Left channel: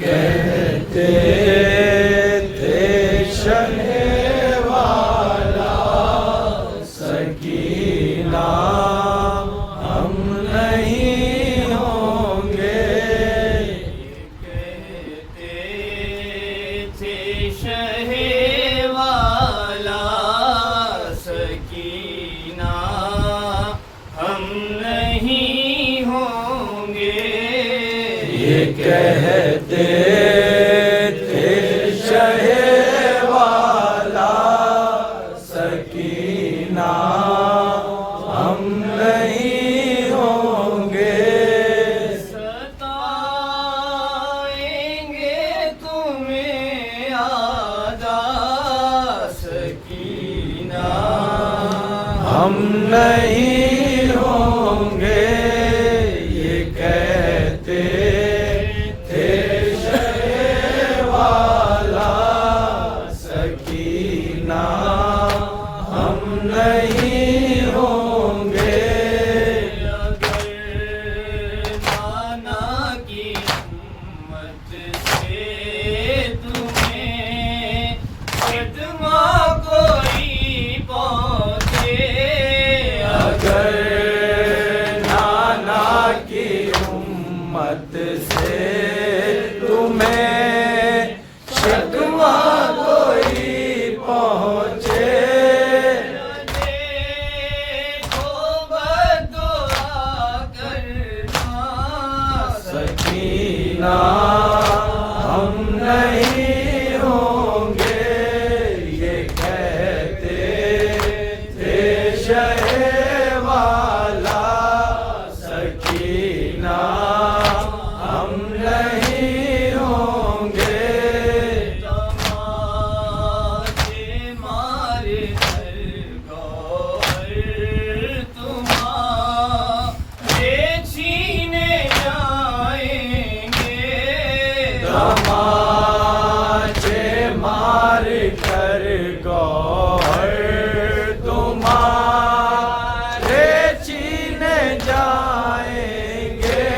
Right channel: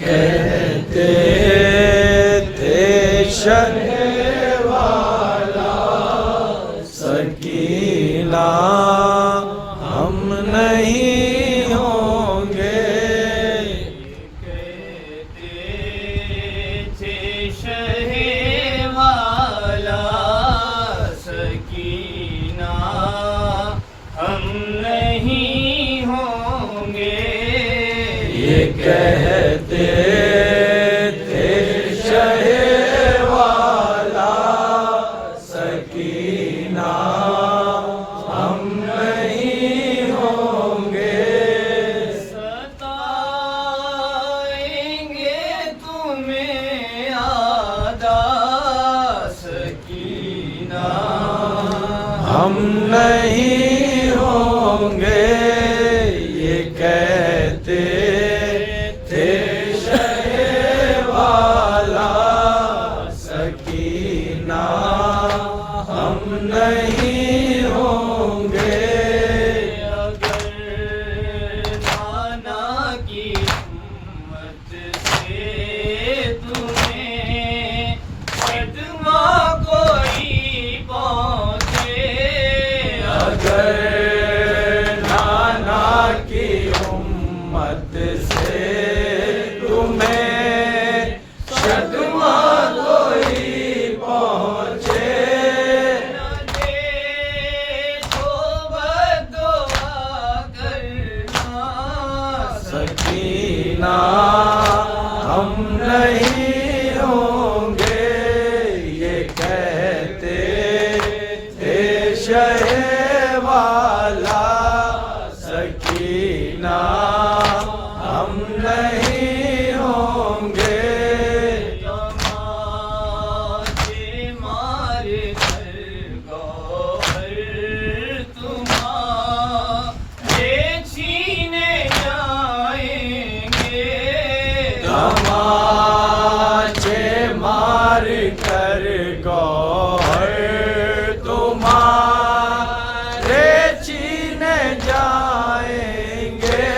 कहते थे शहर वाला सकीना हम नहीं होंगे। कहते थे शहर वाला सकीना हम नहीं होंगे। ये कहते थे शहे वाला सकीना हम नहीं होंगे। सताएंगे तुम्हें आदा सकीना हम नहीं होंगे। ये कहते थे शहे वाला सकीना हम नहीं होंगे। अगर नाना की हिम्मत से तुम्हें सदमा कोई पहुँचे। अगर नाना की उम्मत से तुम्हें सदमा कोई पहुँचे। देखो बदुआ करना सकीना हम नहीं होंगे। ये कहते थे शहे वाला सकीना हम नहीं होंगे। तमाचे मारे हर गौहर तुम्हारे छीने जाएंगे। तमाचे मार कर गौहर तुम्हारे छीने जाएंगे।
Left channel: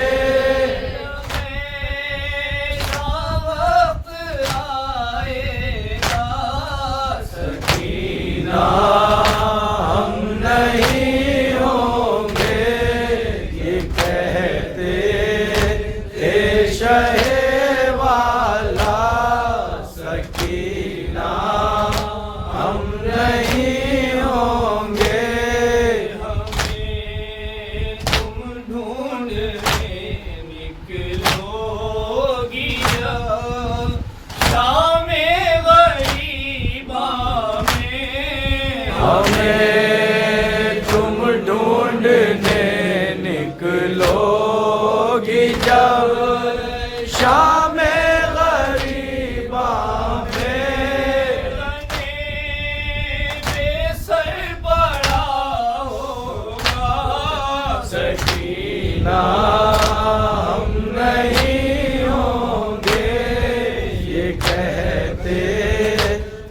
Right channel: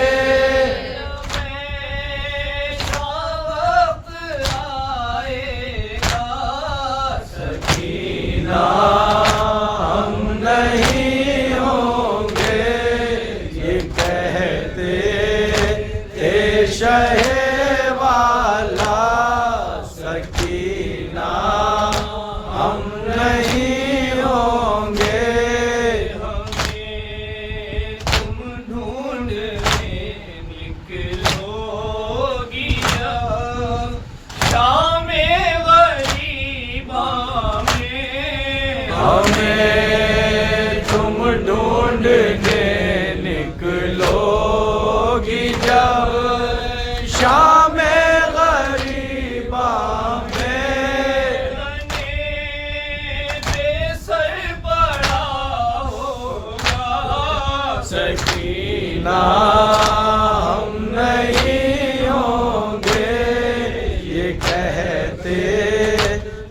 हमेशा वक्त आएगा सकीना हम नहीं होंगे। ये कहते थे शहे वाला सकीना हम नहीं होंगे। हमें तुम ढूंढने निकलोगी शामे गरीबा में। हमें तुम ढूंढने निकलोगी जब शाम गरीबा में। बेसर पड़ा होगा सकीना हम नहीं होंगे। ये कहते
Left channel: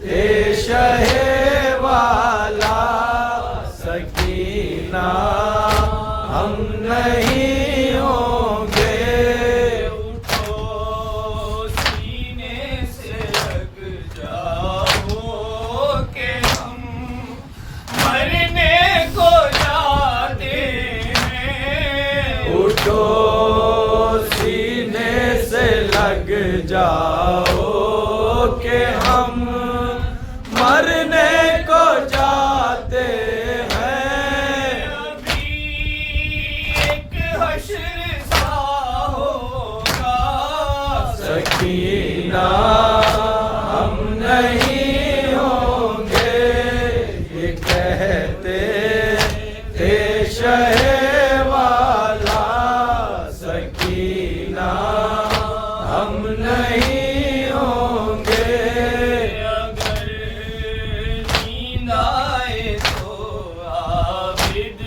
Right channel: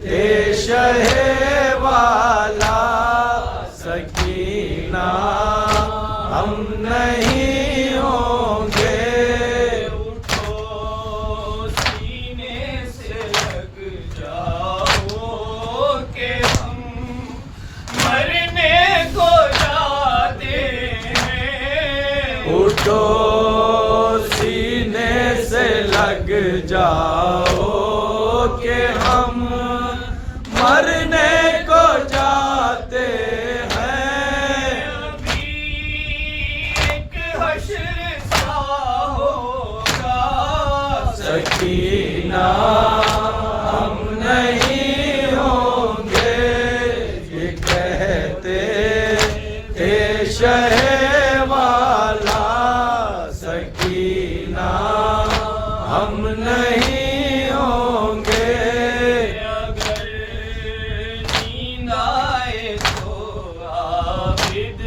थे शहे वाला सकीना हम नहीं होंगे। उठो सीने से लग जाओ कि हम मरने को जाते हैं। उठो सीने से लग जाओ कि हम मरने को जाते हैं। अभी एक हश्र सा होगा सकीना हम नहीं होंगे। ये कहते थे शहे वाला सकीना हम नहीं होंगे। अगर नींद आए तो आबिद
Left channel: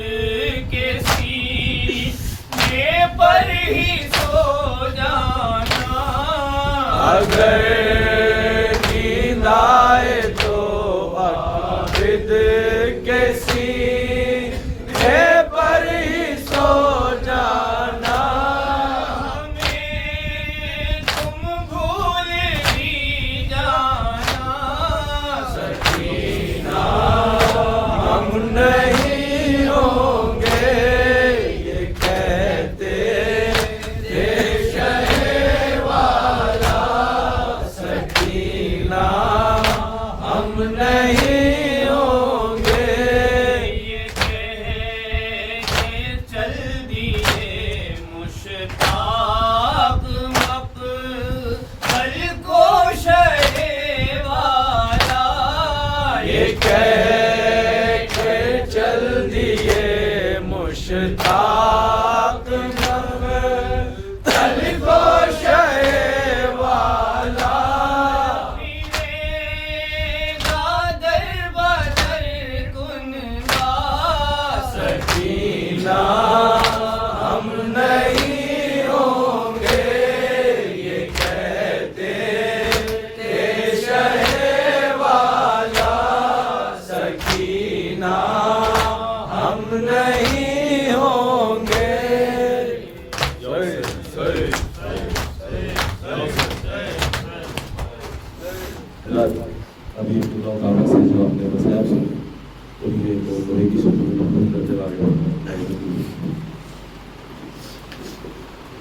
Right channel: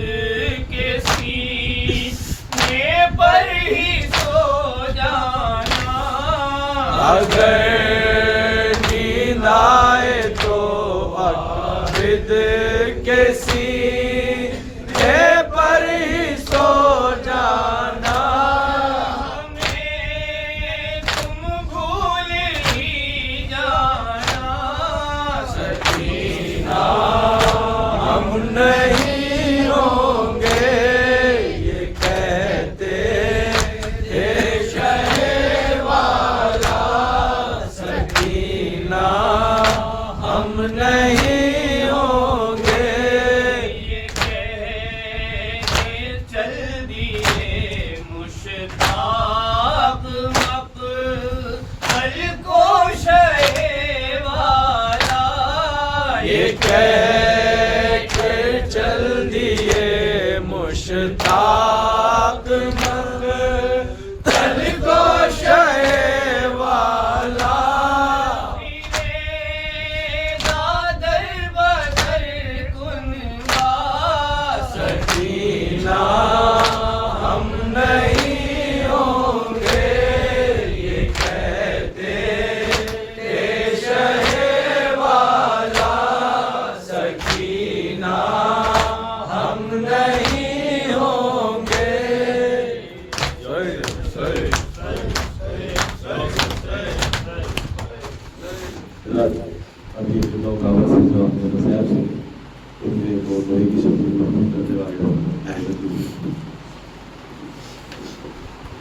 के सीने पर ही सो जाना। अगर नींद आए तो अकबिद के सीने पर ही सो जाना। हमें तुम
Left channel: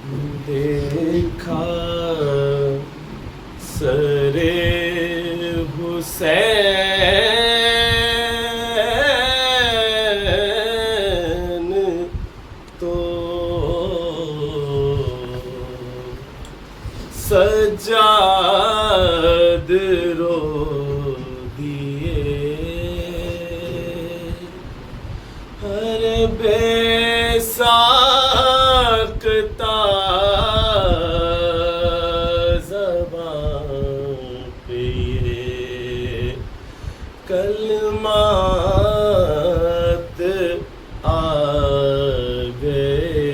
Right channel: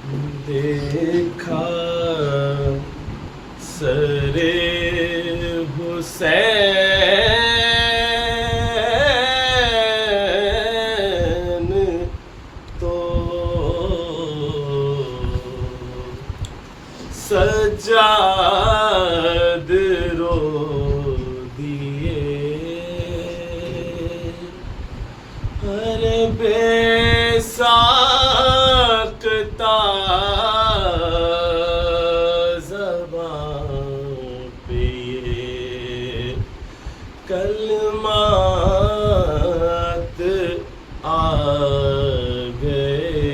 देखा सरे हुसैन तो सज्जाद रो दिए। हर बेसाख्ता ज़बान पे ये कलमात आ गए।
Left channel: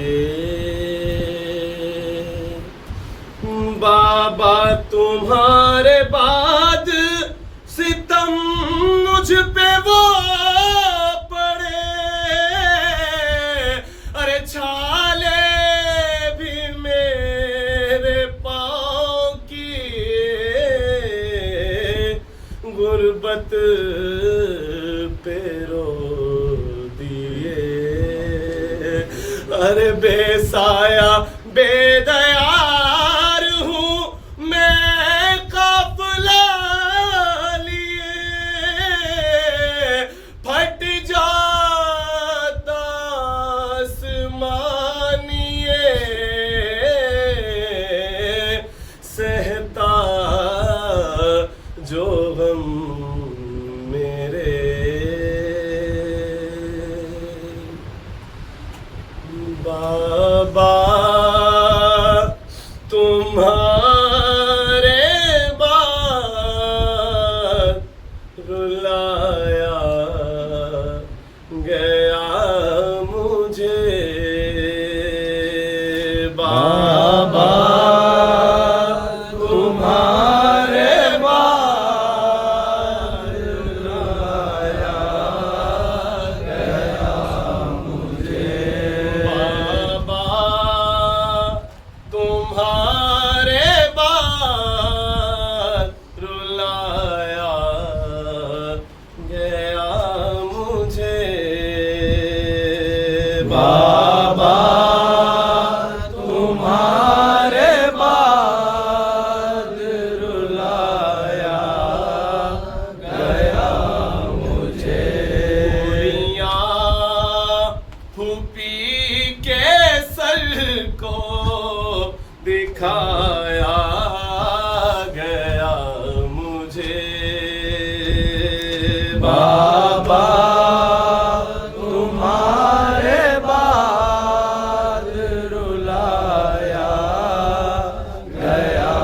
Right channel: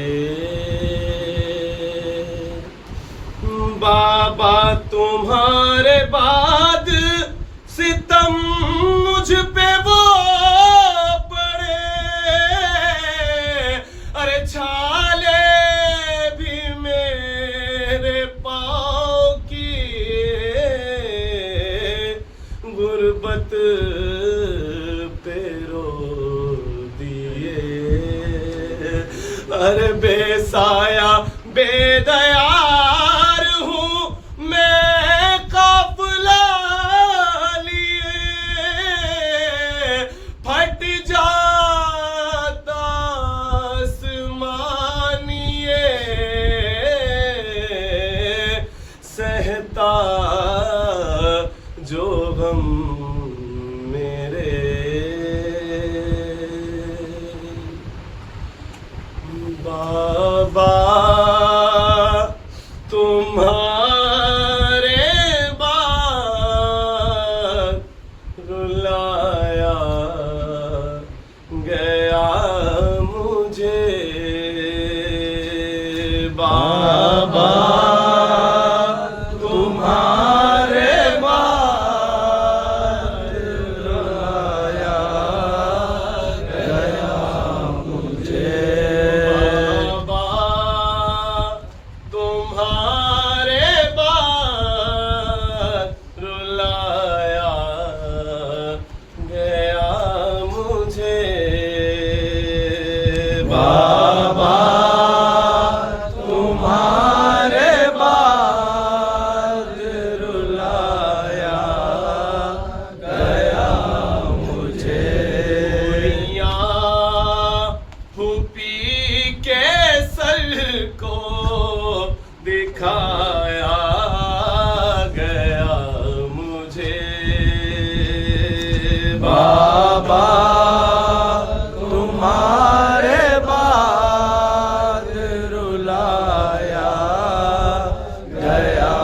बाबा तुम्हारे बाद सितम मुझ पे वो छाले भी मेरे पाँव की गुर्बत पे रो दिए। अरे बेसाया बेदयार हूँ मैं काफिला लिए, फट जा सहता जो गम मेरे। बाबा तुम्हारे बाद रुलाया गया मुझे। बाबा तुम्हारे बाद रुलाया गया मुझे। बाबा तुम्हारे बाद रुलाया गया मुझे। बाबा तुम्हारे बाद रुलाया गया मुझे। फूफी के सर को दिखाया गया मुझे। बाबा तुम्हारे बाद रुलाया गया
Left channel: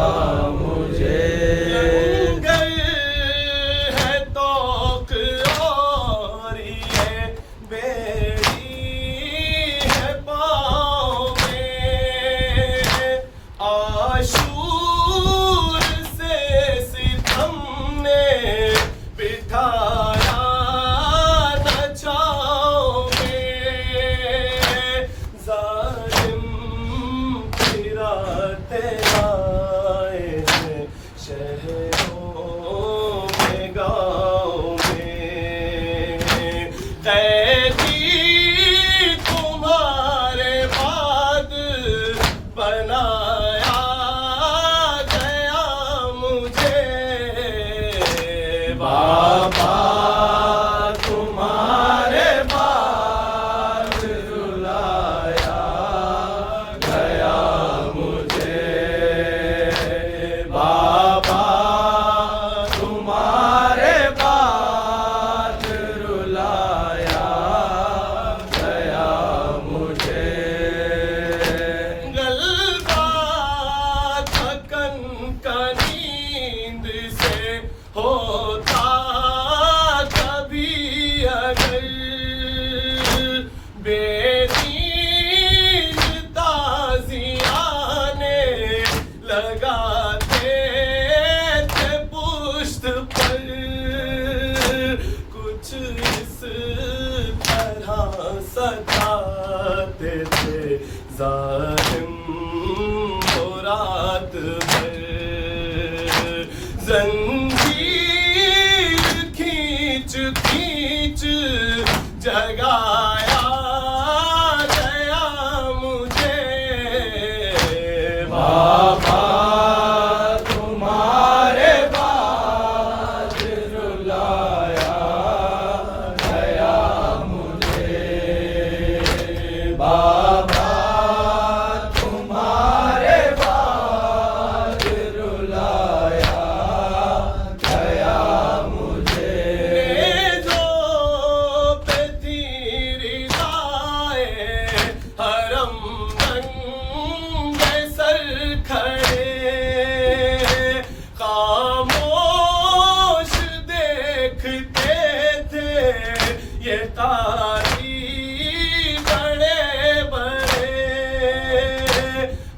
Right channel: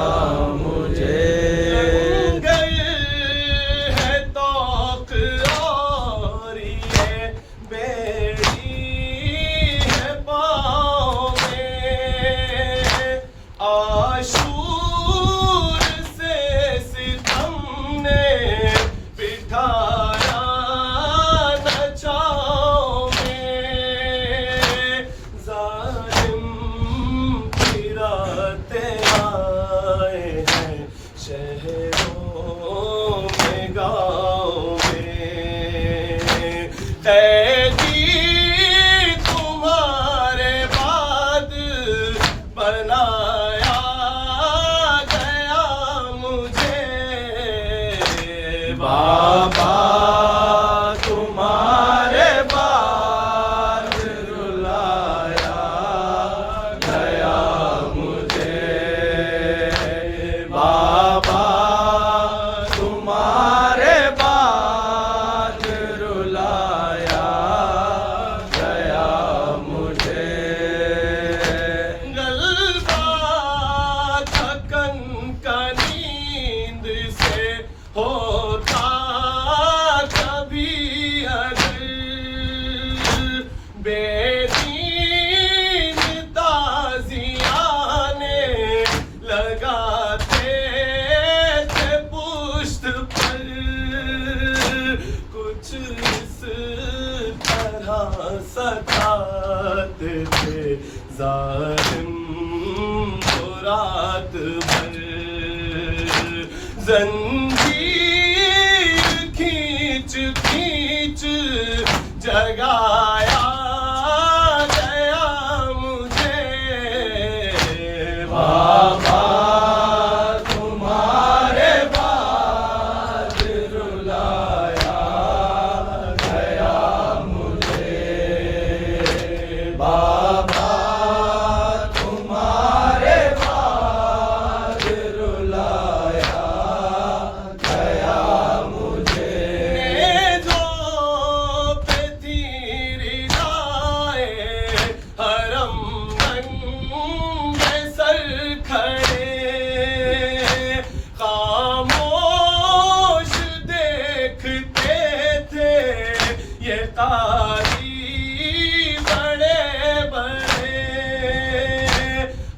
मुझे। है तौक और ये बेड़ी है पाँव में। आशूर से सितम ने बिठाया दचाओं में। जालिम फिराते आए हैं शहरों में गाँव में। कैदी तुम्हारे बाद बनाया गया मुझे। बाबा तुम्हारे बाद रुलाया गया मुझे। बाबा तुम्हारे बाद रुलाया गया मुझे। गलबा थकन का नींद से होता कभी अगर बेनींद ताज़ियाने लगाते थे पुश्त पर। कुछ इस तरह सताते थे जालिम को रात भर। जंजीर खींच खींच जगाया गया मुझे। बाबा तुम्हारे बाद रुलाया गया मुझे, बाबा तुम्हारे बाद रुलाया गया मुझे। जो पे थी रिदाए हरम नंगे सर खड़े, खामोश देखते थे ये कारी बड़े बड़े,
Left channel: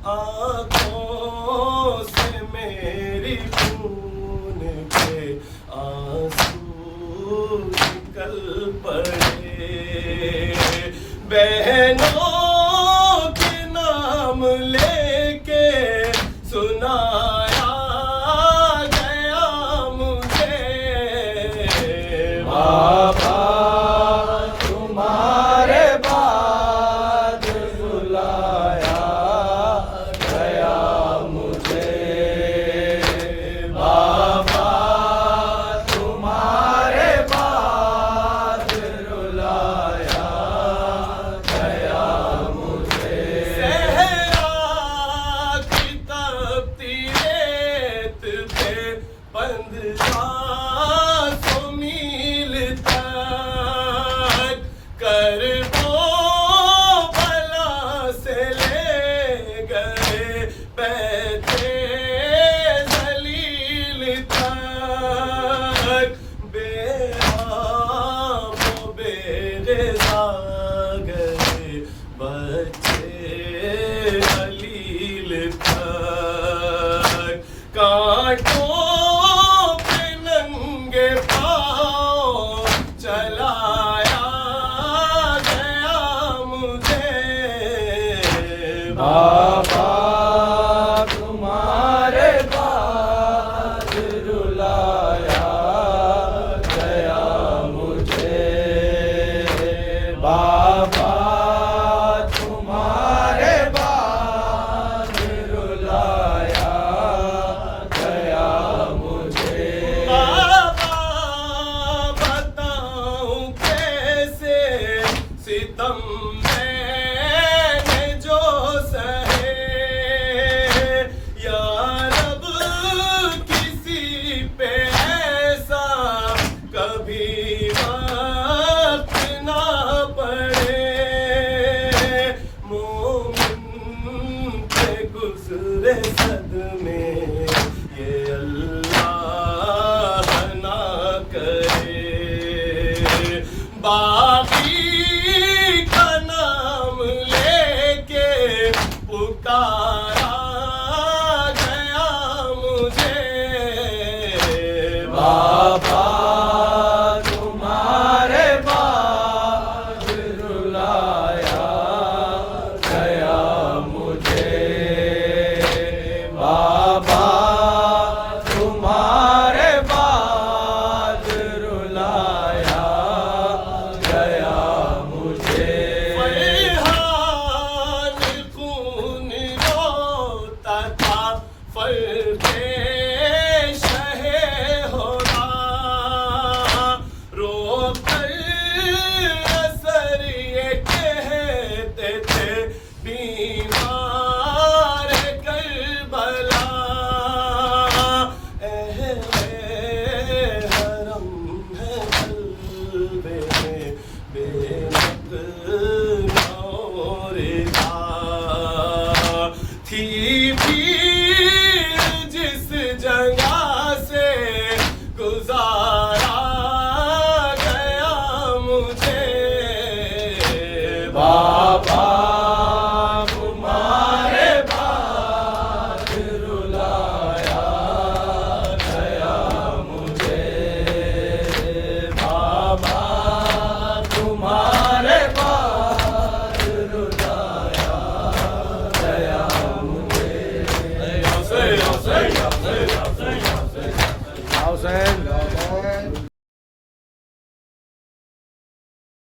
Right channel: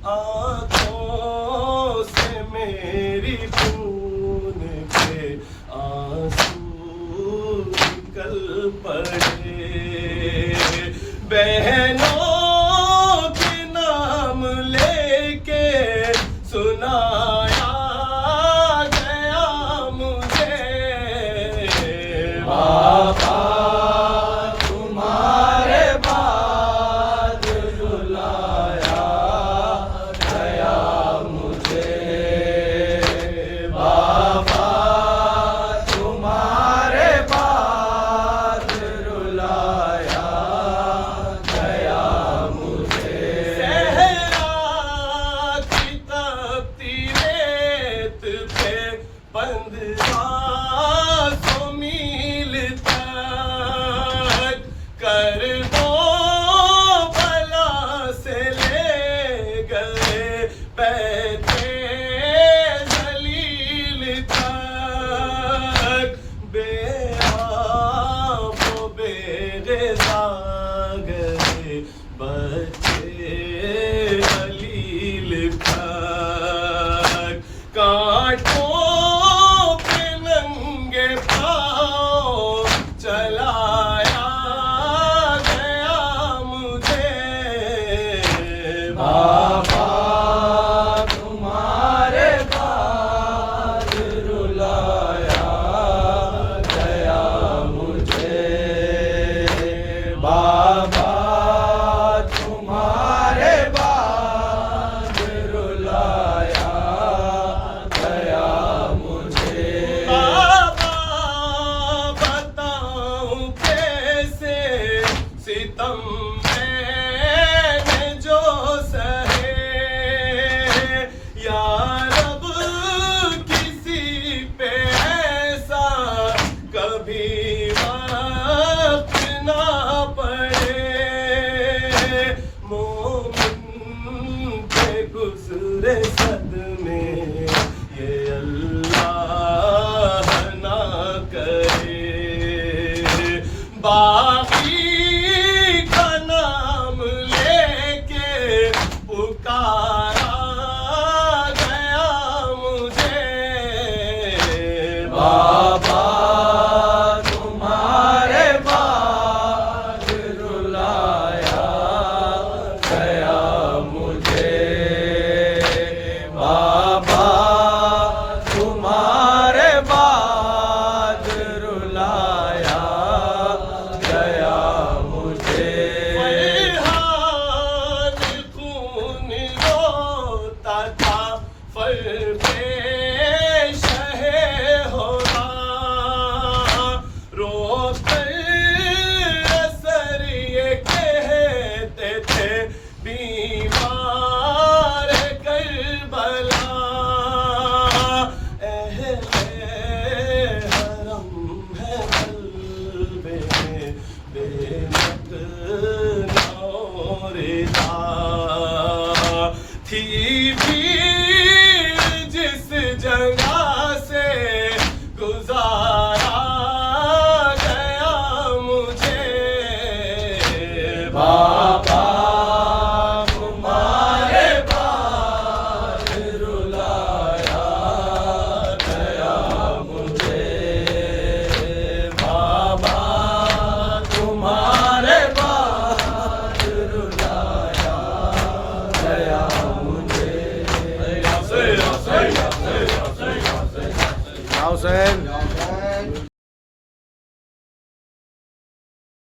आंखों से मेरी खून के आंसू निकल पड़े। बहनों के नाम लेके सुनाया गया मुझे, बाबा तुम्हारे बाद रुलाया गया मुझे, बाबा तुम्हारे बाद रुलाया गया मुझे। सहरा की तपती रेत पे बंद सांसों मील तक कर दो भला से ले गए बैठे जलील तक, बेआबो बेरेजा गए बच्चे हलील तक, कांटों पे नंगे पाँव चलाया गया मुझे, बाबा तुम्हारे बाद रुलाया गया मुझे, बाबा तुम्हारे बाद रुलाया गया मुझे। बाबा बताऊं कैसे सितम मैंने जो सहे, या रब किसी पे ऐसा कभी वक्त ना पड़े, मोमिन पे गुजरे सदमे ये अल्लाह ना करे, बाकी का नाम लेके पुकारा गया मुझे, बाबा तुम्हारे बाद रुलाया गया मुझे, बाबा तुम्हारे बाद रुलाया गया मुझे। फरहान खून रोता था फर पे शहे होना, रोकर असर ये कहते थे बीमार करबला, हरम है कल्बे में बेमत नौरिदा, थी भीड़ जिस जगह से गुजारा गया मुझे, बाबा तुम्हारे बाद रुलाया गया मुझे, बाबा तुम्हारे बाद रुलाया गया मुझे। Hussein, Hussein, Hussein, Hussein, Hussein. Hussein.